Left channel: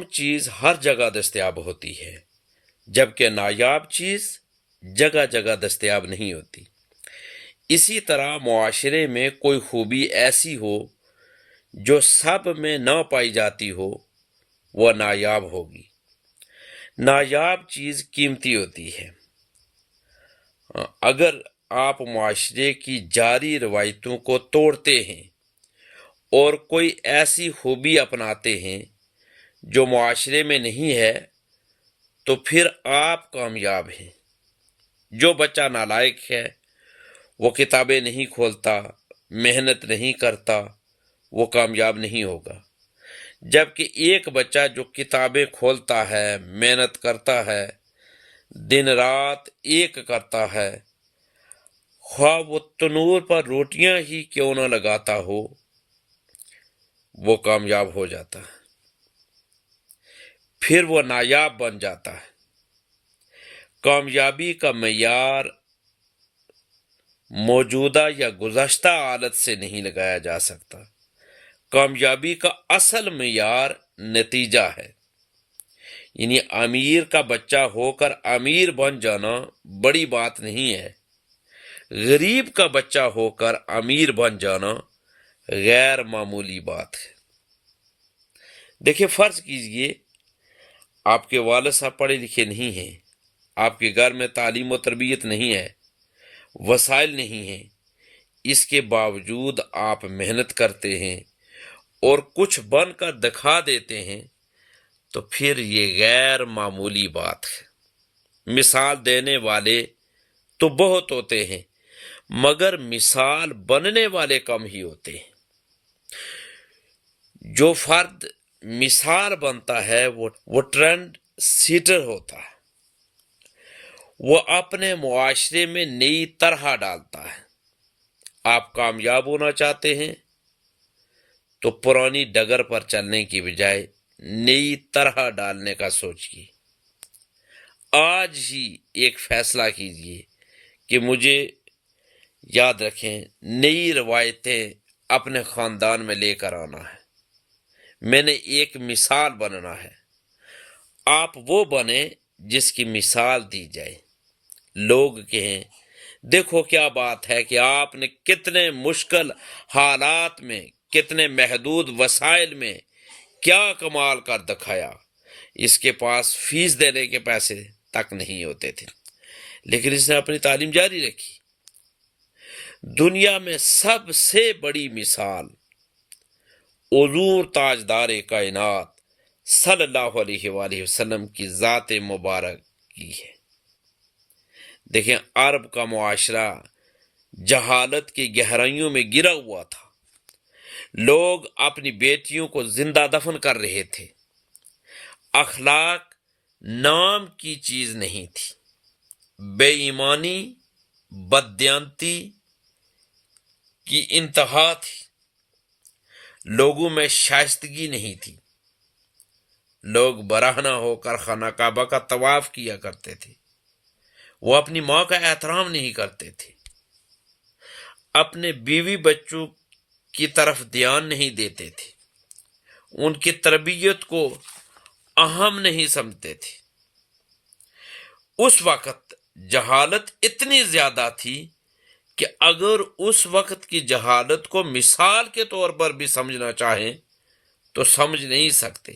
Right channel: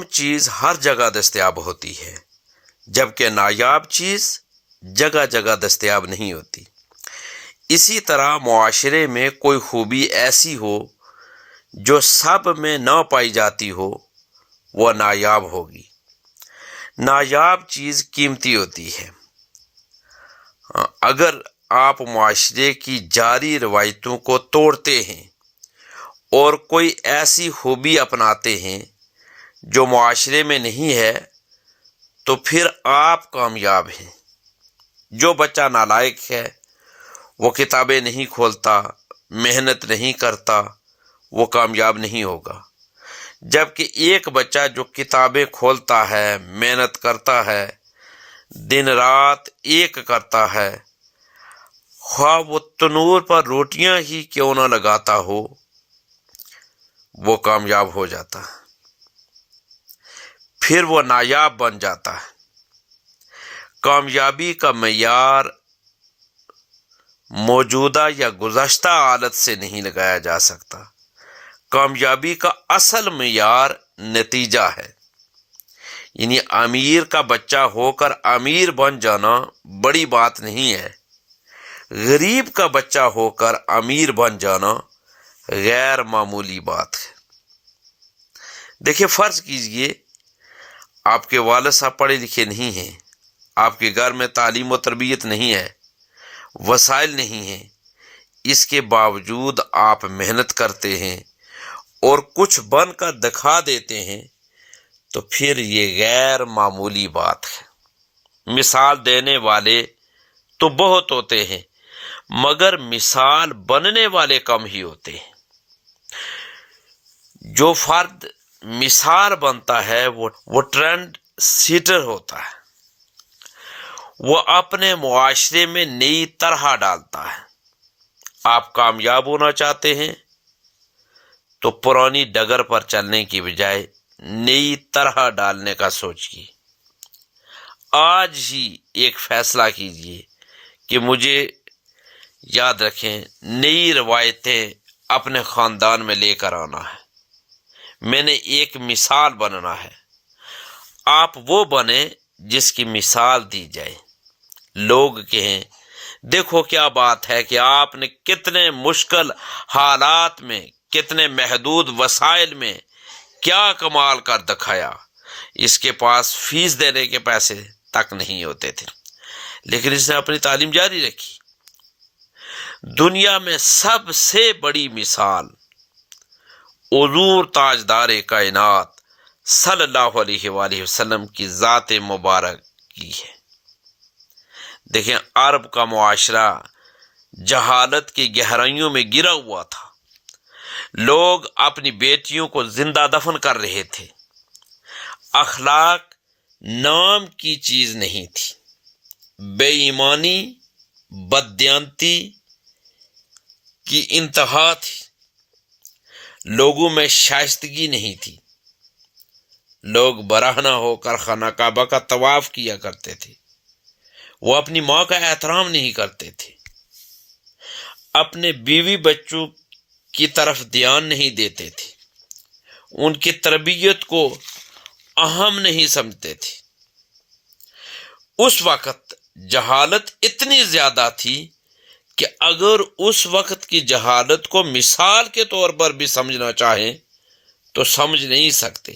عام چیز ہر جگہ دستیاب ہوتی ہے، جبکہ نایاب چیز جگہ جگہ دستیاب نہیں ہوتی۔ اسی طرح معاشرے میں کوئی خوبی ایسی ہو جو سب میں نہ پائی جاتی ہو، وہ نایاب ہوگی۔ نایاب چیز قیمتی ہوتی ہے۔ اگر آپ معاشرے کی جاری روایتوں کو توڑتے ہیں اور کوئی ایسی خوبی اپناتے ہیں جو معاشرے میں نہیں ہے، تو پھر آپ کامیاب ہیں۔ جو بچہ نالائق ہے، وہ کتابیں نہیں کھولتا، محنت نہیں کرتا، وہ کامیاب نہیں ہوگا۔ جبکہ ایک بچہ جو کتابیں کھولتا ہے، محنت کرتا ہے، دن رات ایک کرتا ہے، خواہ وہ تنور پر روٹیاں ہی کیوں نہ لگاتا ہو، وہ کامیاب ہو جاتا ہے، پھر وہ نایاب بن جاتا ہے۔ کامیابی کا معیار موجودہ یا گزشتہ حالت سے نہیں لگایا جا سکتا۔ کامیابی کا اصل معیار نتیجہ ہے۔ یعنی امیر کا بچہ ہو کر امیر بن جانا بڑی بات نہیں ہے، غریب کا بچہ ہو کر امیر بن جانا غیر معمولی بات ہے۔ دیکھیں، فرض کیجئے آپ کے والد صاحب پڑھے لکھے نہیں ہیں، آپ کے گھر میں تعلیم و تربیت نہیں ہے، وسائل نہیں ہیں، اس کے باوجود آپ محنت کرتے ہیں اور کچھ بن کر دکھا دیتے ہیں، تو پھر یہ غیر معمولی بات ہے۔ مثال دینے والے تو بہت ہوتے ہیں، مگر مثال بننے والے کم ہی ہوتے ہیں۔ جو فرد مثال بنتا ہے وہ ٹرینڈ سیٹر ہوتا ہے۔ وہ اپنے معاشرے میں نئی طرح ڈالتا ہے۔ آپ کامیاب ہونا چاہتے ہیں تو پرانی ڈگر پر چلنے کی بجائے نئی طرح ڈالنے کا سوچیے۔ آج ہی ایک فیصلہ کیجیے کہ مجھے، یاد رکھیں، نئی روایتیں اپنے خاندان میں لے کر آنا ہے۔ میں نے ایک مثال بننا ہے۔ آپ وہ بنیں جس کی مثال دی جائے، لوگ کہیں دیکھو کیا بات ہے کہ آپ نے کتنے مشکل حالات میں، کتنے محدود وسائل میں کیا کمال کر دکھایا۔ اس کے پاس فیس دینے کے پیسے تک نہیں ہوتے تھے، لیکن اس نے اپنی تعلیم جاری رکھی۔ دنیا میں سب سے بڑی مثال حضور تاجدار کائنات صلی اللہ علیہ وآلہ وسلم کی ذات مبارک کی ہے۔ دیکھیں، عرب کا معاشرہ جہالت کی گہرائیوں میں گرا ہوا تھا۔ لوگ اپنی بیٹیوں کو زندہ دفن کر رہے تھے۔ اخلاق نام کی چیز نہیں تھی۔ بے ایمانی، بددیانتی کی انتہا تھی۔ لوگوں میں شائستگی نہیں تھی۔ لوگ برہنہ ہو کر خانہ کعبہ کا طواف کیا کرتے تھے۔ وہ اپنی ماں کا احترام نہیں کرتے تھے، اپنے بیوی بچوں کی طرف دھیان نہیں دیتے تھے، ان کی تربیت کو اہم نہیں سمجھتے تھے۔ اس وقت جہالت اتنی زیادہ تھی کہ اگر اس وقت کی جہالت کو مثال کے طور پر بھی سمجھنا چاہیں تو سمجھ نہیں سکتے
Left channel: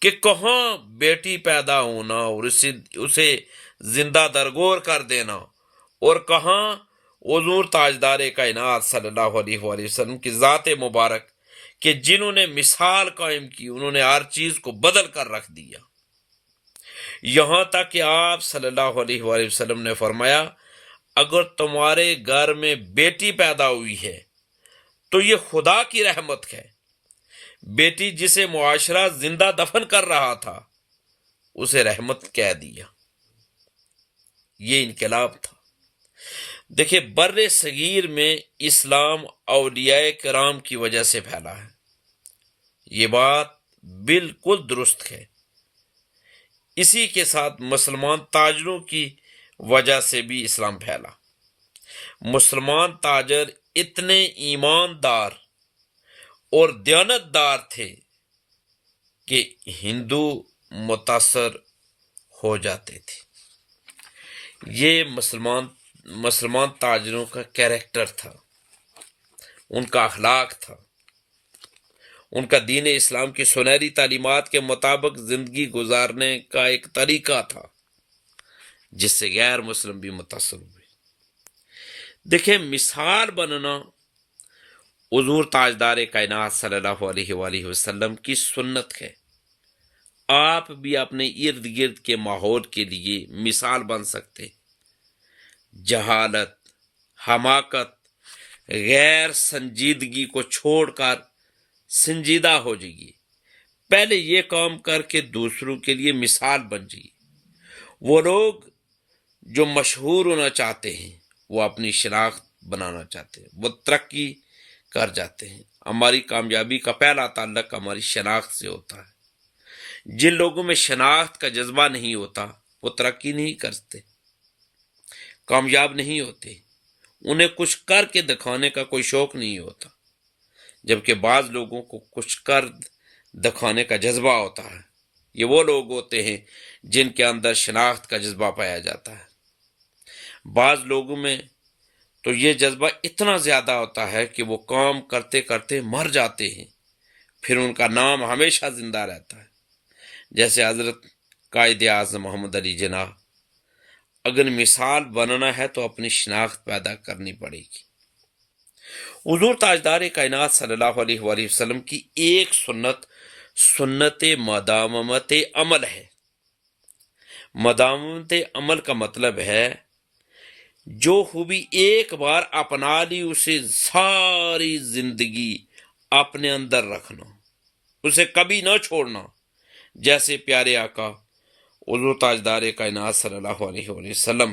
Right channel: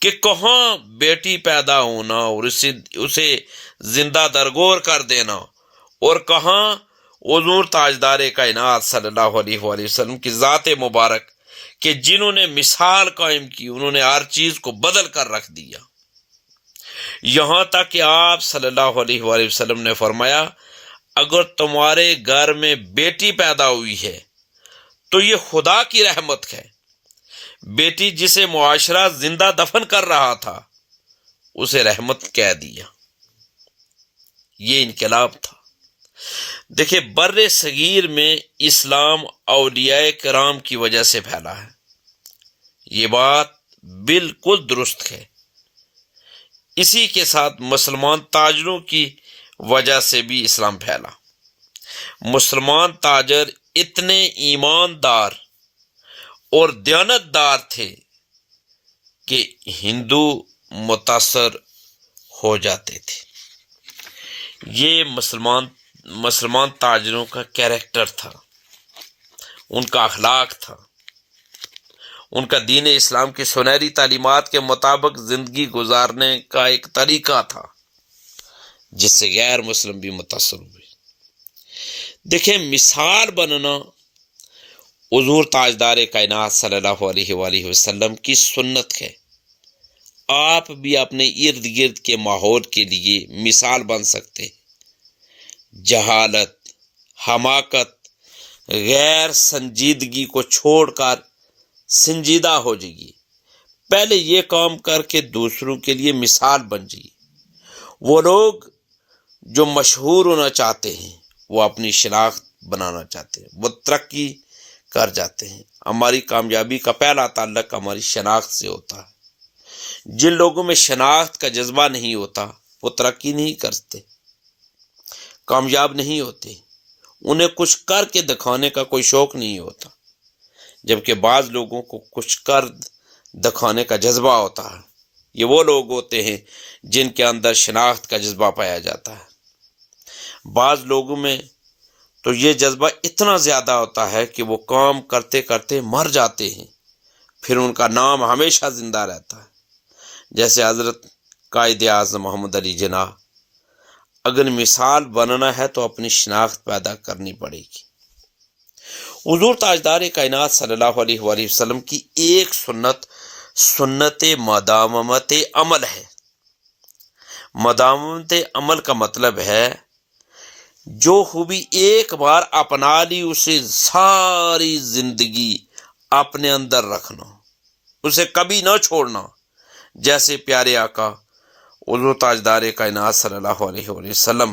کہ کہاں بیٹی پیدا ہونا اور اسے زندہ درگور کر دینا، اور کہاں حضور تاجدار کائنات صلی اللہ علیہ وآلہ وسلم کی ذات مبارک کہ جنہوں نے مثال قائم کی، انہوں نے ہر چیز کو بدل کر رکھ دیا۔ یہاں تک کہ آپ صلی اللہ علیہ وآلہ وسلم نے فرمایا، اگر تمہارے گھر میں بیٹی پیدا ہوئی ہے تو یہ خدا کی رحمت ہے۔ بیٹی جسے معاشرہ زندہ دفن کر رہا تھا، اسے رحمت کہہ دیا۔ یہ انقلاب تھا۔ دیکھیں، بر صغیر میں اسلام اولیاء کرام کی وجہ سے پھیلا ہے۔ یہ بات بالکل درست ہے۔ اسی کے ساتھ مسلمان تاجروں کی وجہ سے بھی اسلام پھیلا۔ مسلمان تاجر اتنے ایماندار اور دیانتدار تھے کہ ہندو متاثر ہو جاتے تھے۔ یہ مسلمان تاجروں کا کیریکٹر تھا، ان کا اخلاق تھا، ان کا دین اسلام کی سنہری تعلیمات کے مطابق زندگی گزارنے کا ایک طریقہ تھا، جس سے غیر مسلم بھی متاثر ہوئے۔ دیکھیں، مثال بننا حضور تاجدار کائنات صلی اللہ علیہ وآلہ وسلم کی سنت ہے۔ آپ بھی اپنے ارد گرد کے ماحول کے لیے مثال بن سکتے۔ جہالت، حماقت، غیر سنجیدگی کو چھوڑ کر سنجیدہ ہو جائیے۔ پہلے یہ کام کر کے دوسروں کے لیے مثال بن جائیے۔ وہ لوگ جو مشہور ہونا چاہتے ہیں، وہ اپنی شناخت بنانا چاہتے ہیں، وہ ترقی کر جاتے ہیں۔ ہماری کامیابی کا پہلا تعلق ہماری شناخت سے ہوتا ہے۔ جن لوگوں میں شناخت کا جذبہ نہیں ہوتا، وہ ترقی نہیں کرتے، کامیاب نہیں ہوتے، انہیں کچھ کر کے دکھانے کا کوئی شوق نہیں ہوتا، جبکہ بعض لوگوں کو کچھ کر دکھانے کا جذبہ ہوتا ہے۔ یہ وہ لوگ ہوتے ہیں جن کے اندر شناخت کا جذبہ پایا جاتا ہے۔ بعض لوگوں میں تو یہ جذبہ اتنا زیادہ ہوتا ہے کہ وہ کام کرتے کرتے مر جاتے ہیں، پھر ان کا نام ہمیشہ زندہ رہتا ہے، جیسے حضرت قائد اعظم محمد علی جناح۔ اگر مثال بننا ہے تو اپنی شناخت پیدا کرنی پڑے گی۔ حضور تاجدار کائنات صلی اللہ علیہ وآلہ وسلم کی ایک سنت مداومت عمل ہے۔ مداومت عمل کا مطلب ہے جو خوبی ایک بار اپنا لی اسے ساری زندگی اپنے اندر رکھنا، اسے کبھی نہ چھوڑنا، جیسے پیارے آقا حضور تاجدار کائنات صلی اللہ علیہ وآلہ وسلم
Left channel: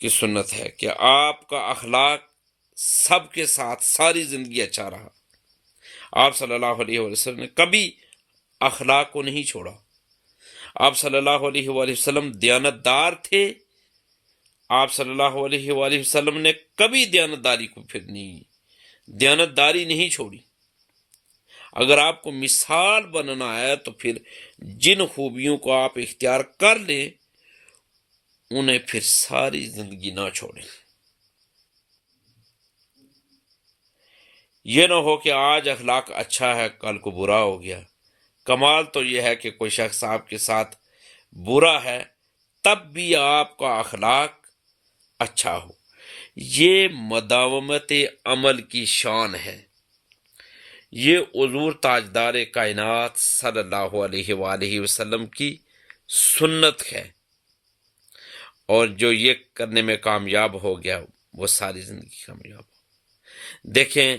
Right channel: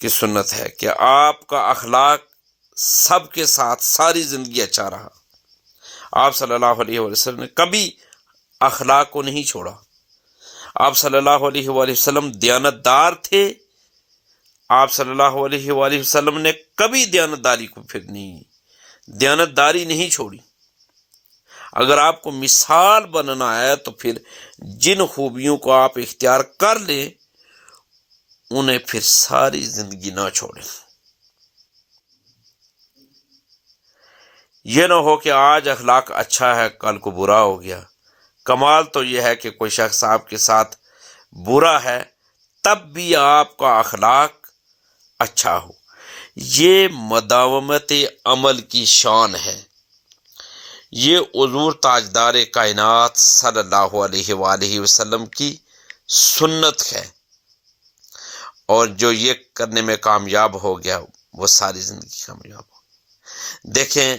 کی سنت ہے کہ آپ کا اخلاق سب کے ساتھ ساری زندگی اچھا رہا۔ آپ صلی اللہ علیہ وآلہ وسلم نے کبھی اخلاق کو نہیں چھوڑا۔ آپ صلی اللہ علیہ وآلہ وسلم دیانتدار تھے۔ آپ صلی اللہ علیہ وآلہ وسلم نے کبھی دیانتداری کو دیانتداری نہیں چھوڑی۔ اگر آپ کو مثال بننا ہے تو پھر جن خوبیوں کو آپ اختیار کر لیں انہیں پھر ساری زندگی نہ چھوڑیں۔ یہ نہ ہو کہ آج اخلاق اچھا ہے، کل کو برا ہو گیا۔ کمال تو یہ ہے کہ کوئی شخص آپ کے ساتھ برا ہے تب بھی آپ کا اخلاق اچھا ہو۔ یہ مداومت عمل کی شان ہے۔ یہ حضور تاجدار کائنات صلی اللہ علیہ وآلہ وسلم کی سنت ہے، اور جو یہ کرنے میں کامیاب ہو گیا وہ ساری زندگی کامیاب ہو۔ دیکھیں،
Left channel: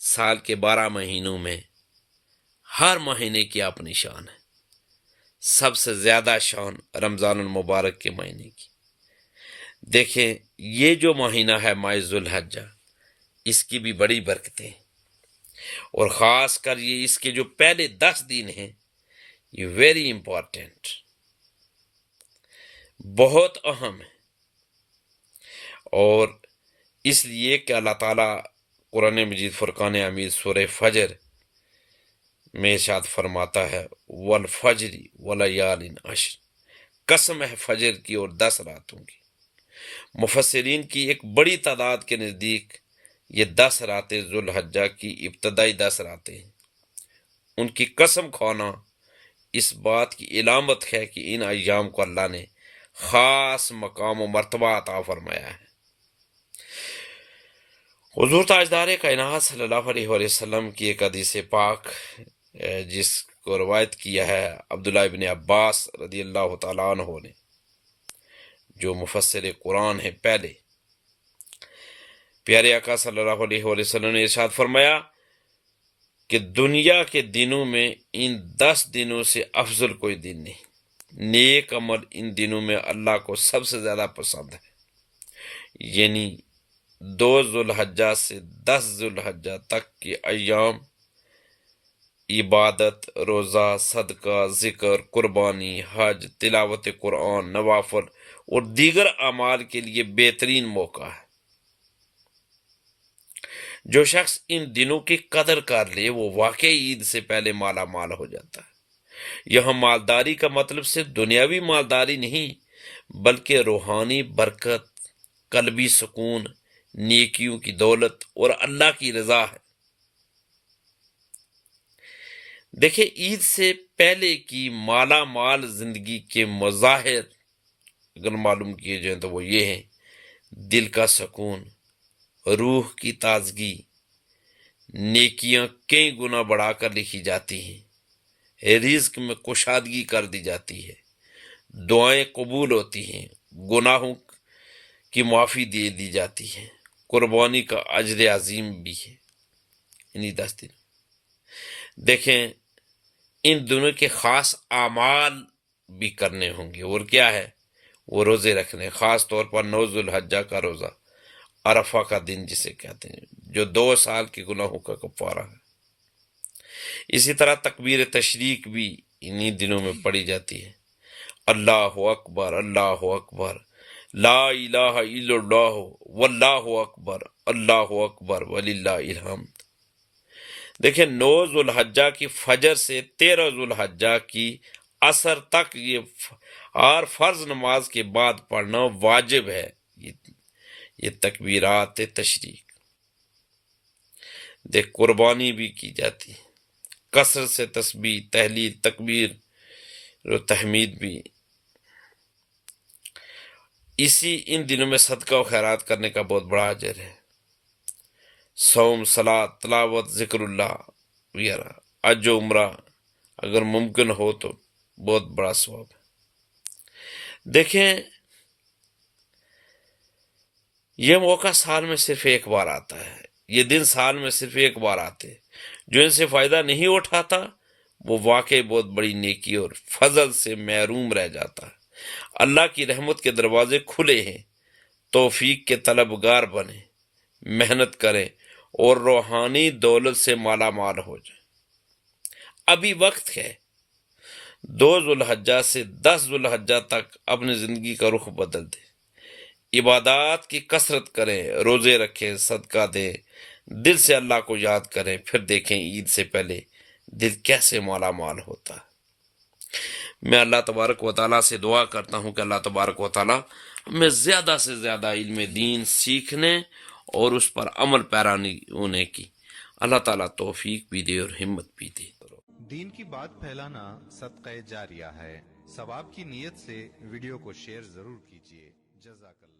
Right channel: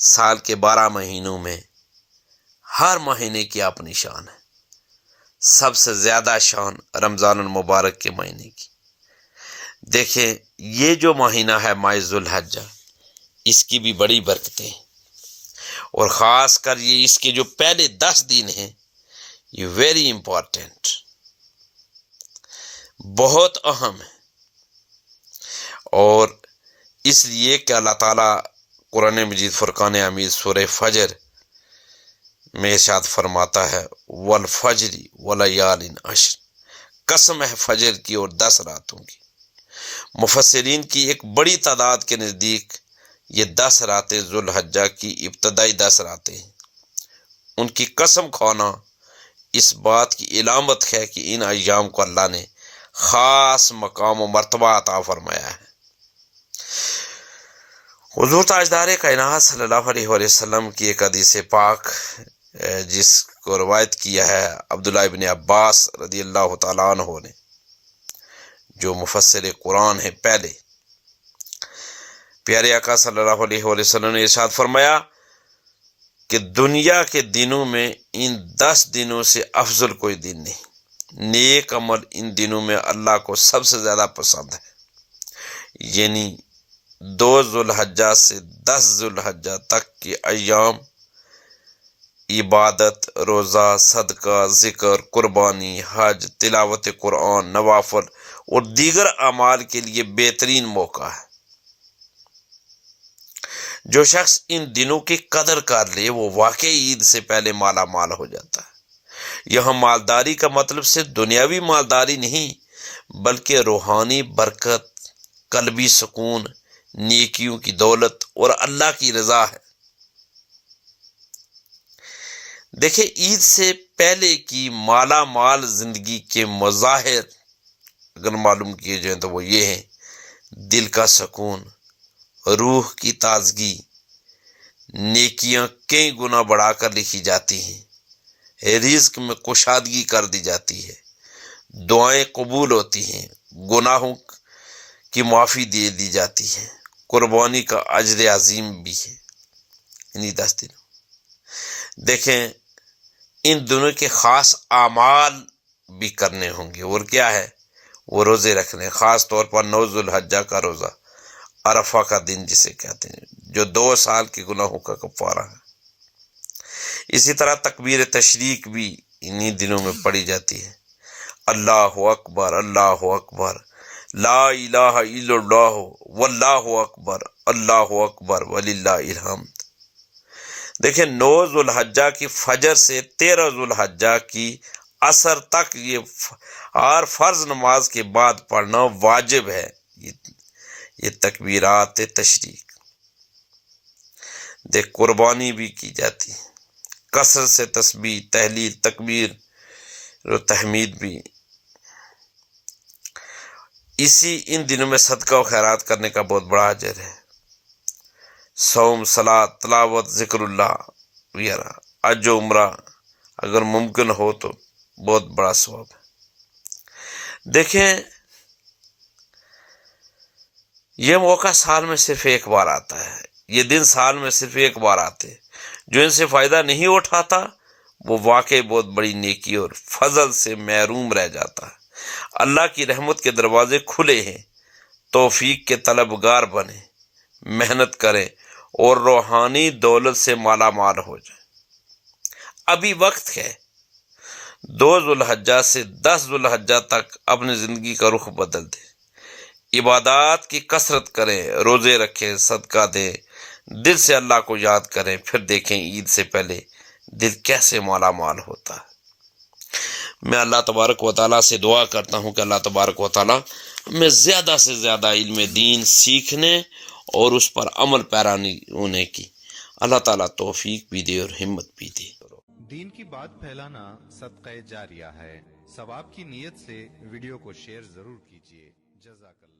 سال کے 12 مہینوں میں ہر مہینے کی اپنی شان ہے۔ سب سے زیادہ شان رمضان المبارک کے مہینے کی۔ دیکھیں، یہ جو مہینہ ہے ماہ ذوالحجہ، اس کی بھی بڑی برکتیں ہیں، اور خاص کر یہ اس کے جو پہلے 10 دن ہیں، یہ ویری امپورٹنٹ، بہت اہم ہے۔ اور اس لیے کہ اللہ تعالیٰ قرآن مجید فرقان حمید سورہ فجر میں ارشاد فرماتا ہے والفجر ولیال عشر، قسم ہے فجر کی اور 10 راتوں کی۔ مفسرین کی ایک بڑی تعداد کے نزدیک یہ 10 راتیں ذوالحجہ کی ابتدائی 10 راتیں ہیں۔ ان کی قسم کھانا اس بات کی علامت ہے کہ ان ایام کو اللہ نے خاص مقام و مرتبہ عطا فرمایا ہے۔ حضور تاجدار کائنات صلی اللہ علیہ وآلہ وسلم کی ایک حدیث پاک جس کو روایت کیا ہے عبداللہ ابن عباس رضی اللہ تعالیٰ عنہ نے، جو مفسر قرآن ہے پہلے، پیارے آقا صلی اللہ علیہ وآلہ وسلم نے ارشاد فرمایا کہ دنیا کے دنوں میں ان 10 دنوں سے افضل کوئی دن نہیں۔ نیک عمل ان دنوں میں اللہ کو سب سے زیادہ پسند ہے، یعنی 2 ذوالحجہ سے 10 ذوالحجہ تک کے ایام عبادت، روزہ، صدقہ، ذکر، قربانی، حج، تلاوت قرآن، نوافل اور دیگر اعمال کے لیے بہترین موقع ہے۔ جو شخص ان دنوں کی قدر کر لے وہ واقعی عید سے پہلے مالا مال ہو جاتا ہے۔ یہاں مالداری کا مطلب صرف دنیاوی مالداری نہیں بلکہ روحانی برکت، قلبی سکون، نیکیوں کی دولت اور اللہ کی رضا ہے۔ دیکھیں، عید سے پہلے کی مالا مال زندگی کے مظاہر اگر معلوم کیے جائیں تو وہ یہ ہیں: دل کا سکون، روح کی تازگی، نیکیاں کئی گنا بڑھا کر لکھی جاتی ہیں، رزق میں کشادگی کر دی جاتی ہے، دعائیں قبول ہوتی ہیں، گناہوں کی معافی دے دی جاتی ہے، قربانی کا اجر عظیم بھی ہے انہی 10 دنوں۔ دیکھیں، ان دنوں کے خاص اعمال بھی کرنے ہوں گے، اور کیا ہے؟ وہ روزے رکھنے، خاص طور پر 9 ذوالحجہ کا روزہ، عرفہ کا دن جسے کہتے ہیں، جو 2 سال کے گناہوں کا کفارہ ہے۔ اسی طرح تکبیر تشریق بھی انہی دنوں میں پڑھی جاتی ہے: اللہ اکبر، اللہ اکبر، لا الہ الا اللہ، واللہ اکبر، اللہ اکبر وللہ الحمد۔ دیکھیں، 9 ذوالحجہ کی فجر سے 13 ذوالحجہ کی عصر تک یہ ہر فرض نماز کے بعد پڑھنا واجب ہے، یہ تکبیرات تشریق۔ دیکھ، قربانی بھی کی جاتی ہے، کثرت سے تسبیح، تحلیل، تکبیر و تحمید بھی۔ ان دنوں میں صدقہ و خیرات کرنے کا بہت بڑا اجر ہے۔ صوم، صلاۃ، تلاوت، ذکر اللہ وغیرہ، حج و عمرہ اگر ممکن ہو تو بہت بڑا ثواب ہے۔ دیکھیں، یہ موقع سال میں صرف ایک بار آتا ہے، یہ دن سال میں صرف ایک بار آتے، جو ان سے فائدہ نہیں اٹھاتا وہ واقعی بہت بڑی نیکی اور فضل سے محروم رہ جاتا ہے۔ اللہ کی رحمت کے دروازے کھلے ہیں، توفیق کے طلبگار بنیں، محنت کریں اور روحانی دولت سے مالا مال ہو جائیں۔ ابھی وقت ہے، 2 ذوالحجہ سے 10 ذوالحجہ تک اپنی زندگی کا رخ بدل دیں، عبادات کی کثرت کریں، روزے رکھیں، صدقہ دیں، دل سے اللہ کو یاد کریں، پھر دیکھیں عید سے پہلے دل کیسے مالا مال ہوتا ہے۔ میں اللہ تبارک و تعالیٰ سے دعا کرتا ہوں کہ اللہ تبارک و تعالیٰ ہمیں زیادہ سے زیادہ علم دین سیکھنے اور اس پر عمل پیرا ہونے کی اللہ تعالیٰ توفیق بھی دے اور ہمت بھی دے۔ دین کی بات پھیلانا صدقہ جاریہ ہے، ثواب کی نیت سے ویڈیو کو شیئر ضرور کیجیے۔ جزاک اللہ۔